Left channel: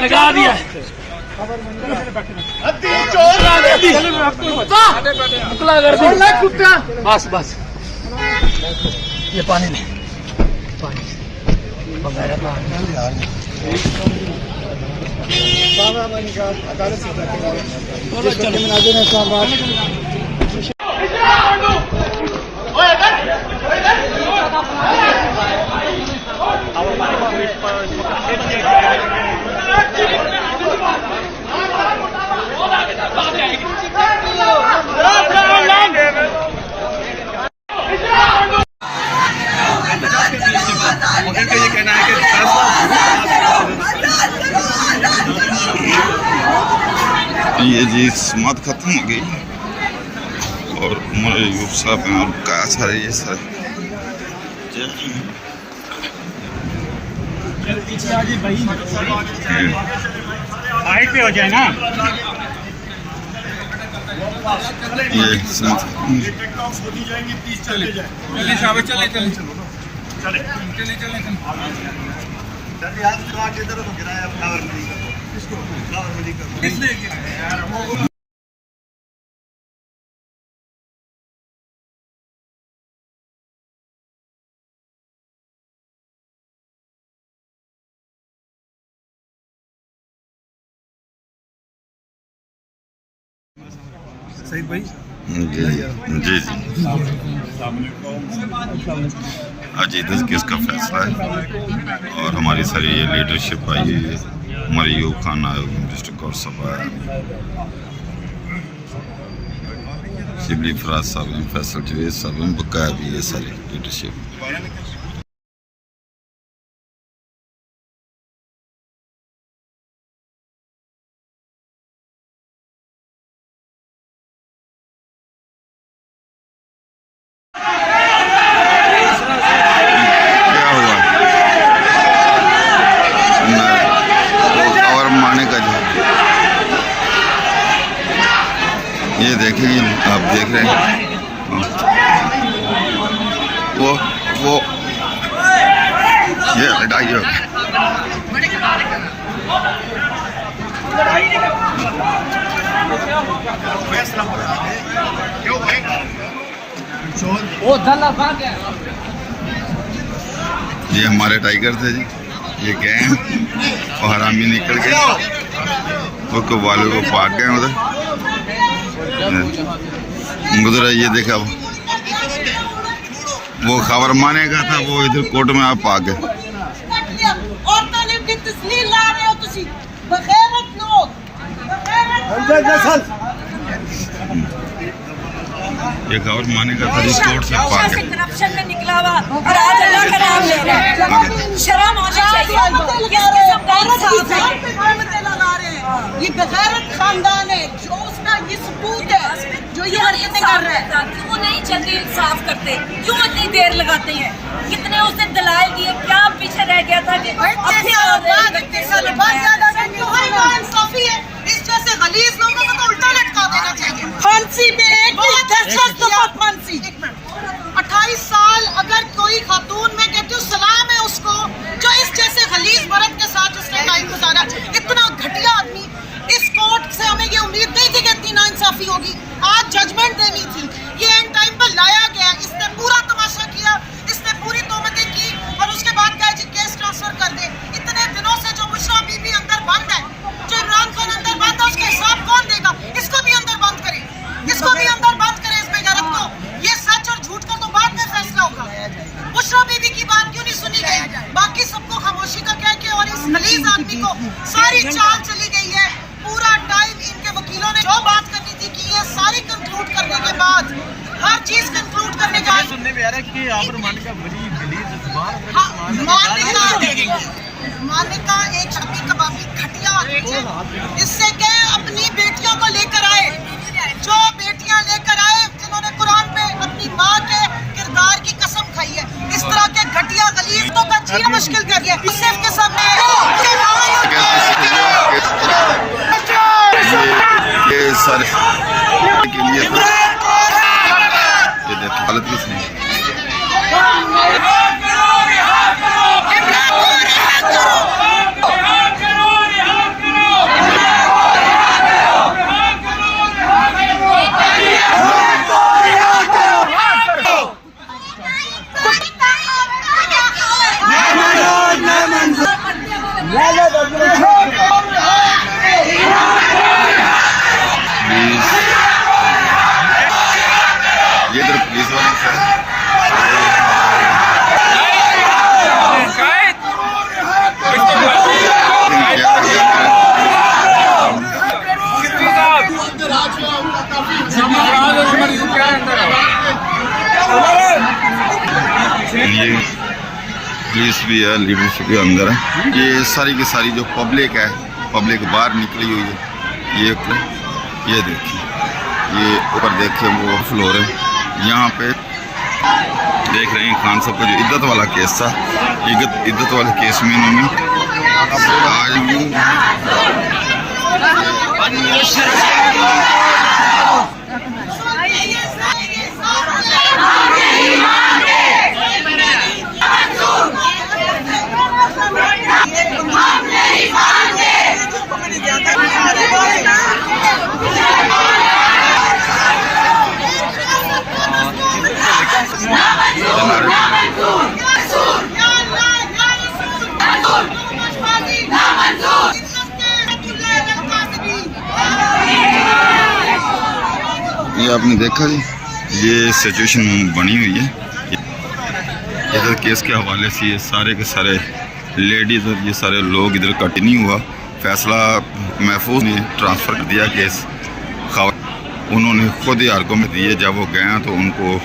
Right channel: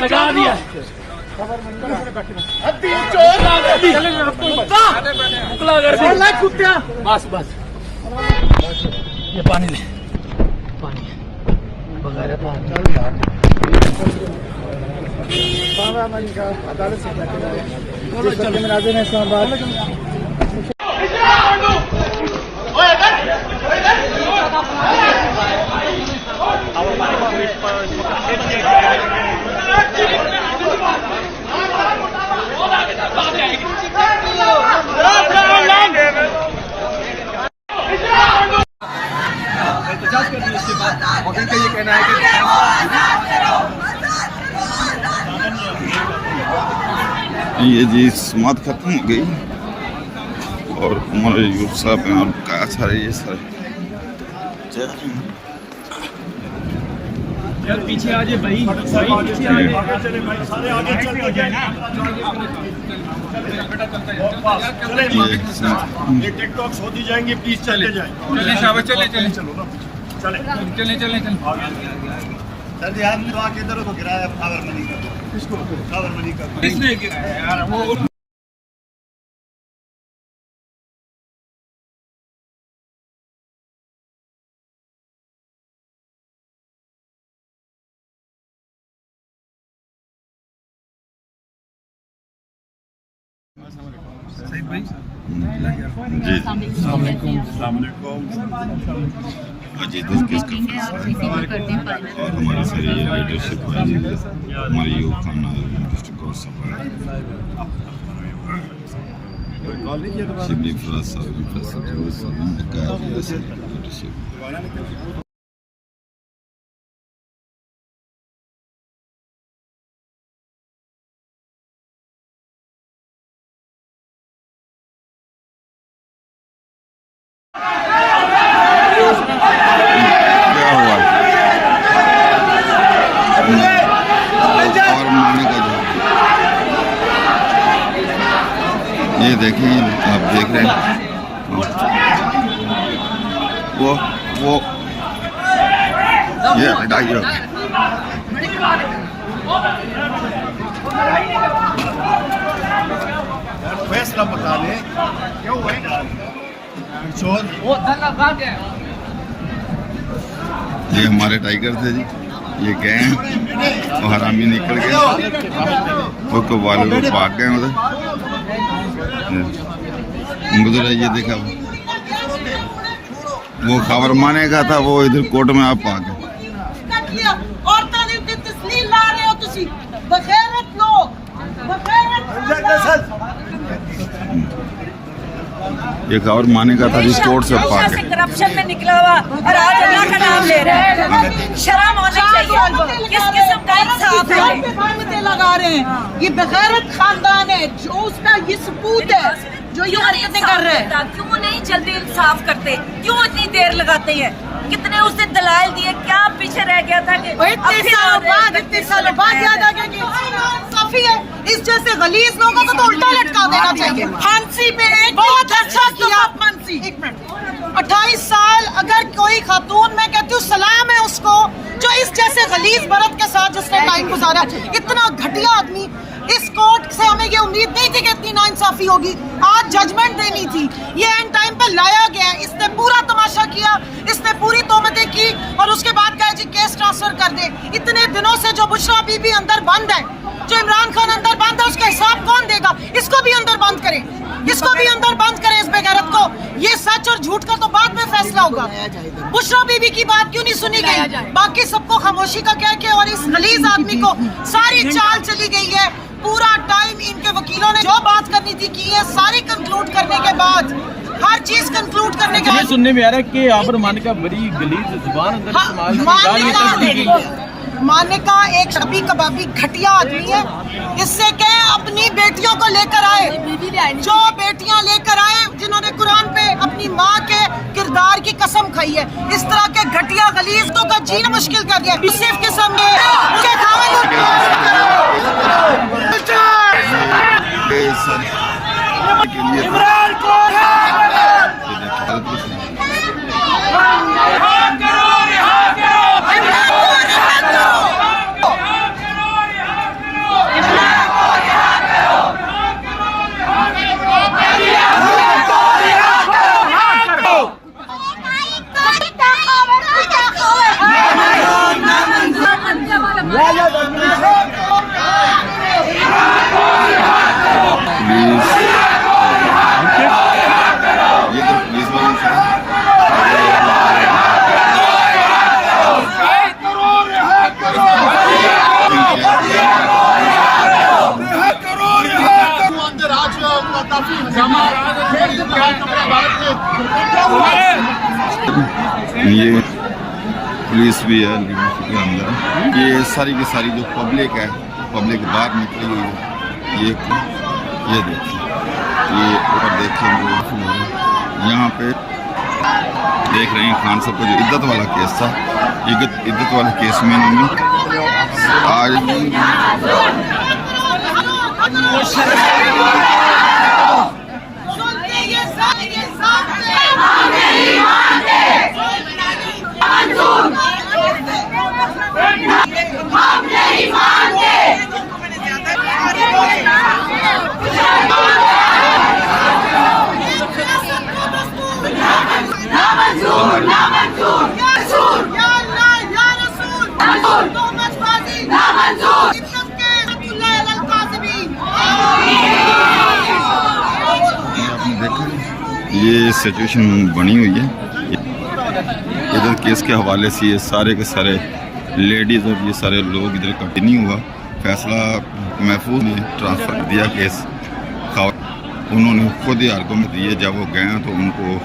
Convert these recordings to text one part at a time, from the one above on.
लगा दिया बस बस ये पानी में पानी बगाया ये कहना है कि ये जी समात खत्म हो गई और उमर अयूब साहब हैं और क्या सारे ये सारे पीछे आ जाए भाई पे हो जाए ना ये समात टिकटॉक होती जाएंगे प्लीज चले जाए चले चले चले चले चले चले चले चले जल्दी आदमी आके इधर को गिराया खबर नहीं कर उसको खबर नहीं कर इसलिए यार वो सही भाई जी जी आज इधर किसका फैसला है और हमारी सारी ये लीडरशिप आई हमारे यूब खान आयोग डिस्ट्रिक्ट कोर्ट सभा है शिबली फराज साहब फैसल जवेद साहब बकाया भी ये सारी लीडरशिप और माने का जो ये देखें आप देख रहे हैं वो ये लड़ाई हो ये हमारे टाइगर थे जी ये गए हैं और हरामी निकल गए वो कव्वाले को भाग गए उधर उधर ये देखा वो खबर माने का था वो इधर कोर्ट में आप आ गए ये खबर माने का था जिस कोर्ट से पाक है करप्शन में निकला हुआ और आज अल्लाह का नाम ले रहा है शर्म होनी चाहिए लगा रहे हैं ये बगैरत खानदान है जो उसका ये सबूत है जो ये हरकतें कर रहे हैं क्यों नहीं जल्दी इंसाफ करते क्यों इतनी देर लगाते हैं कितने उसने दलाल दिए क्या पीछे रह गया था कि इंसाफी है इस जैसे गलीज लोगों को तो उल्टा लटका देना चाहिए फांसी पे एक फांसी 28 साल अगर कोई खातून मैं कहती हूँ सलाम है उसको जो इस जैसे गलीज मर्द के साथ उसने टाइम गुजारा इतना घटिया आदमी इस कोर्ट से हमें ये उम्मीद नहीं थी कि इतनी नाइंसाफी होगी आज जजमेंट देनी थी ये एंड टाइम पर लाया गया इसने पूरा तमाशा किया इसने पूरी तोहमतें की और उसके बाद कहा जी केस ट्रांसफर कर दे इतने दिनों से जो बुशरा बीबी अंदर बंद है जो इमरान खान अंदर बंद है उसका हिसाब कौन देगा इसको भी अंदर बंद करे इसको भी अंदर बंद करें इस बेगैरत को ये सच और झूठ का तो बाद में फैसला होगा बुशरा बीबी की बात क्यों नहीं सुनी गई बाकी सबको खामोशी का कह के और इस गलीज आदमी को सारी चाल चली गई है पूरा टाइम इनके वकीलों ने जो बात करनी थी की है सारी कंक्लूड करने के बाद हर चीज कंक्लूड करने के ये बाद सुनने में आ रहा है कि आप रमान का बड़ी गलीज जुबान का हाँ, इस्तेमाल करके मान्यता एक शबी कबाबी घटिया आदमी है। इससे क्या है, अपनी बेटियों को लेकर आए, जो बेटियां लेकर आए जिन्होंने कुरान पे अपनी माँ के किरदार की कसम खाई है, इस तरह के घटिया गलीजों का जीना मुश्किल कर दिया। सिर्फ किस्म में ये सारे के लिए था। ये देखो हालत किस नहीं प्लीज ये इधर पुलिस वाले से ये पुलिस भी है, लीडरशिप के अंदर है। ये सारी की सारी जो पब्लिक है, पब्लिक बाहर निकली हुई है। ये देखिए, ये ऊपर देखिए वो फ्लोर है। यहाँ पे देख रहे हैं खान साहब का जो इद्दत वाला केस था, इद्दत वाले केस में इन्होंने आज ये आपने देखा जी, ये सिचुएशन बनी हुई है। इधर केस के हवाले से ये सारे के सारे लेडीज़ और ये सारे लोग इधर कट नहीं हुआ। फैसला महफूज ने ट्रांसफ़र कर दिया केस। उन्होंने खुद ही आर्गूमेंट दिए, जब वो गए तो उनको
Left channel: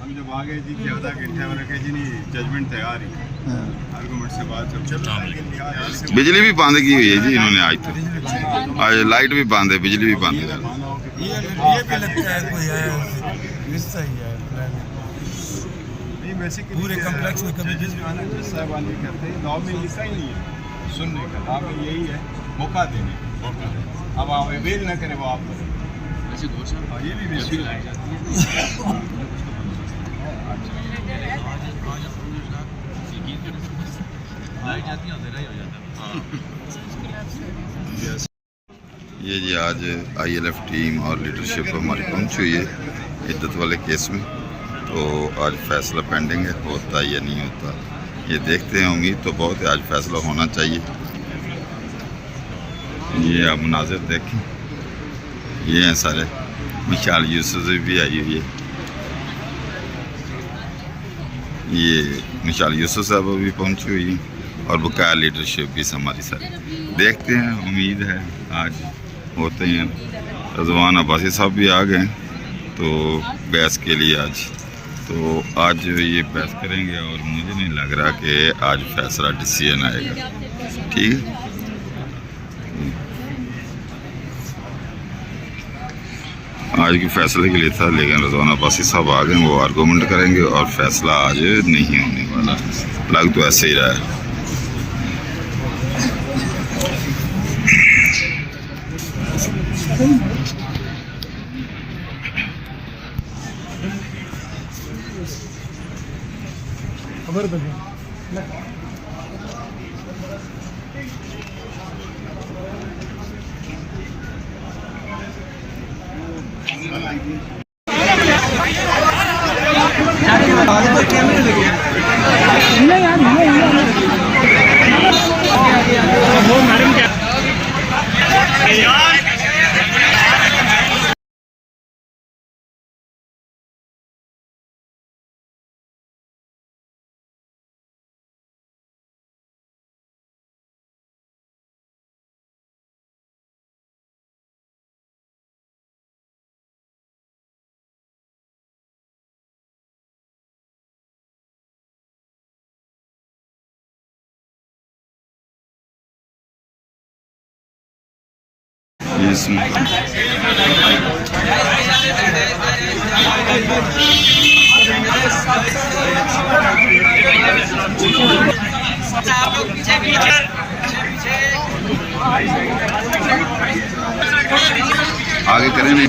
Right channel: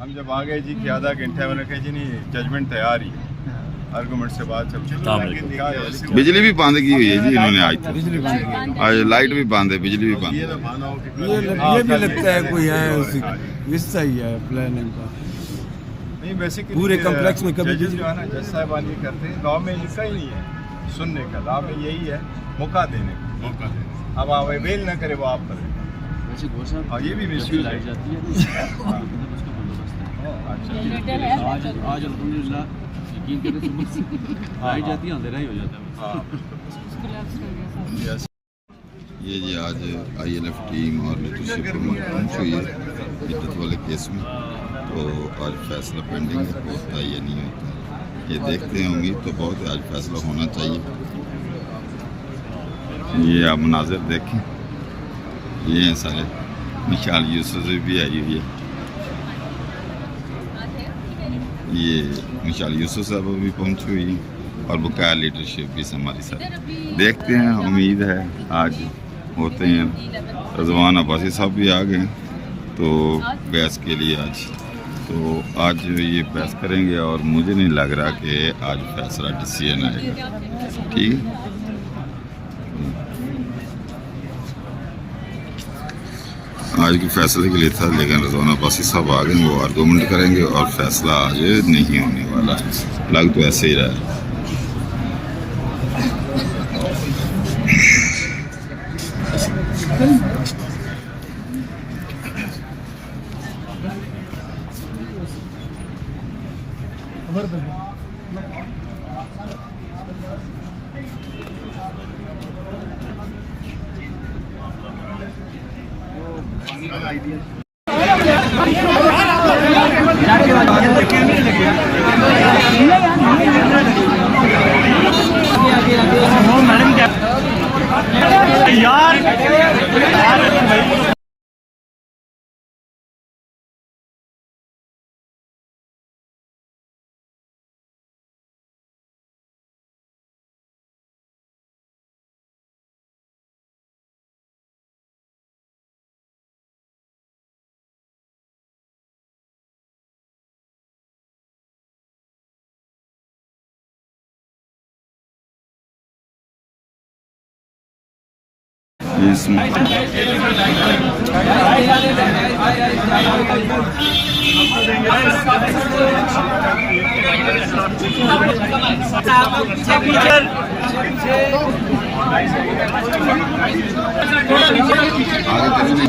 हम जब आ गए जी थे आधा घंटा मैंने कहा जी नहीं जजमेंट तैयार ही आर्गूमेंट से बात चल बिजली भी बंद की हुई है जी इन्होंने आज तो। आज लाइट भी बंद है, बिजली भी बंद है। ये भी लगता है कोई है रिश्ता ही है प्लान है नहीं बेसिकली पूरे कॉम्प्लेक्स में कभी जज जो है ना जज साहबान ये करते हैं लॉ में लिखा ही नहीं है सुनने का, लॉ में यही है मौका देने का। अब आप अवेल ना करे वो आप करें। हाँ ये भी मिसयूज आई जाती है। ये जी आज ILF टीम और लीडरशिप हमारी पहुंची हुई है इद्दत वाले केस में। तो आज फैसला पेंडिंग है, होता या नहीं होता ये देखते हैं। उम्मीद तो बहुत है आज फैसला होना चाहिए। ये आप मनाजिर देखें, ये हैं सारे। मिशाल यूसुफ भी आई हुई है, ये मिशाल यूसुफ साहब भी पहुंची हुई है और बकाया लीडरशिप भी हमारी सारी। देखते हैं, उम्मीद है आज होते हैं। रज़वान अब्बासी साहब भी आ गए तो बहस के लिए आज। तो आज ये बहस करेंगे और मुझे नहीं लग रहा कि आज फैसला डिसीजन आएगा। ठीक है, आज के फैसले के लिए था, लेकिन रज़वान अब्बासी साहब आ गए, वो आर्गूमेंट करेंगे और फैसला आज नहीं होने वाला। लग तो ऐसे ही रहा है। इसमें आगे करें नहीं।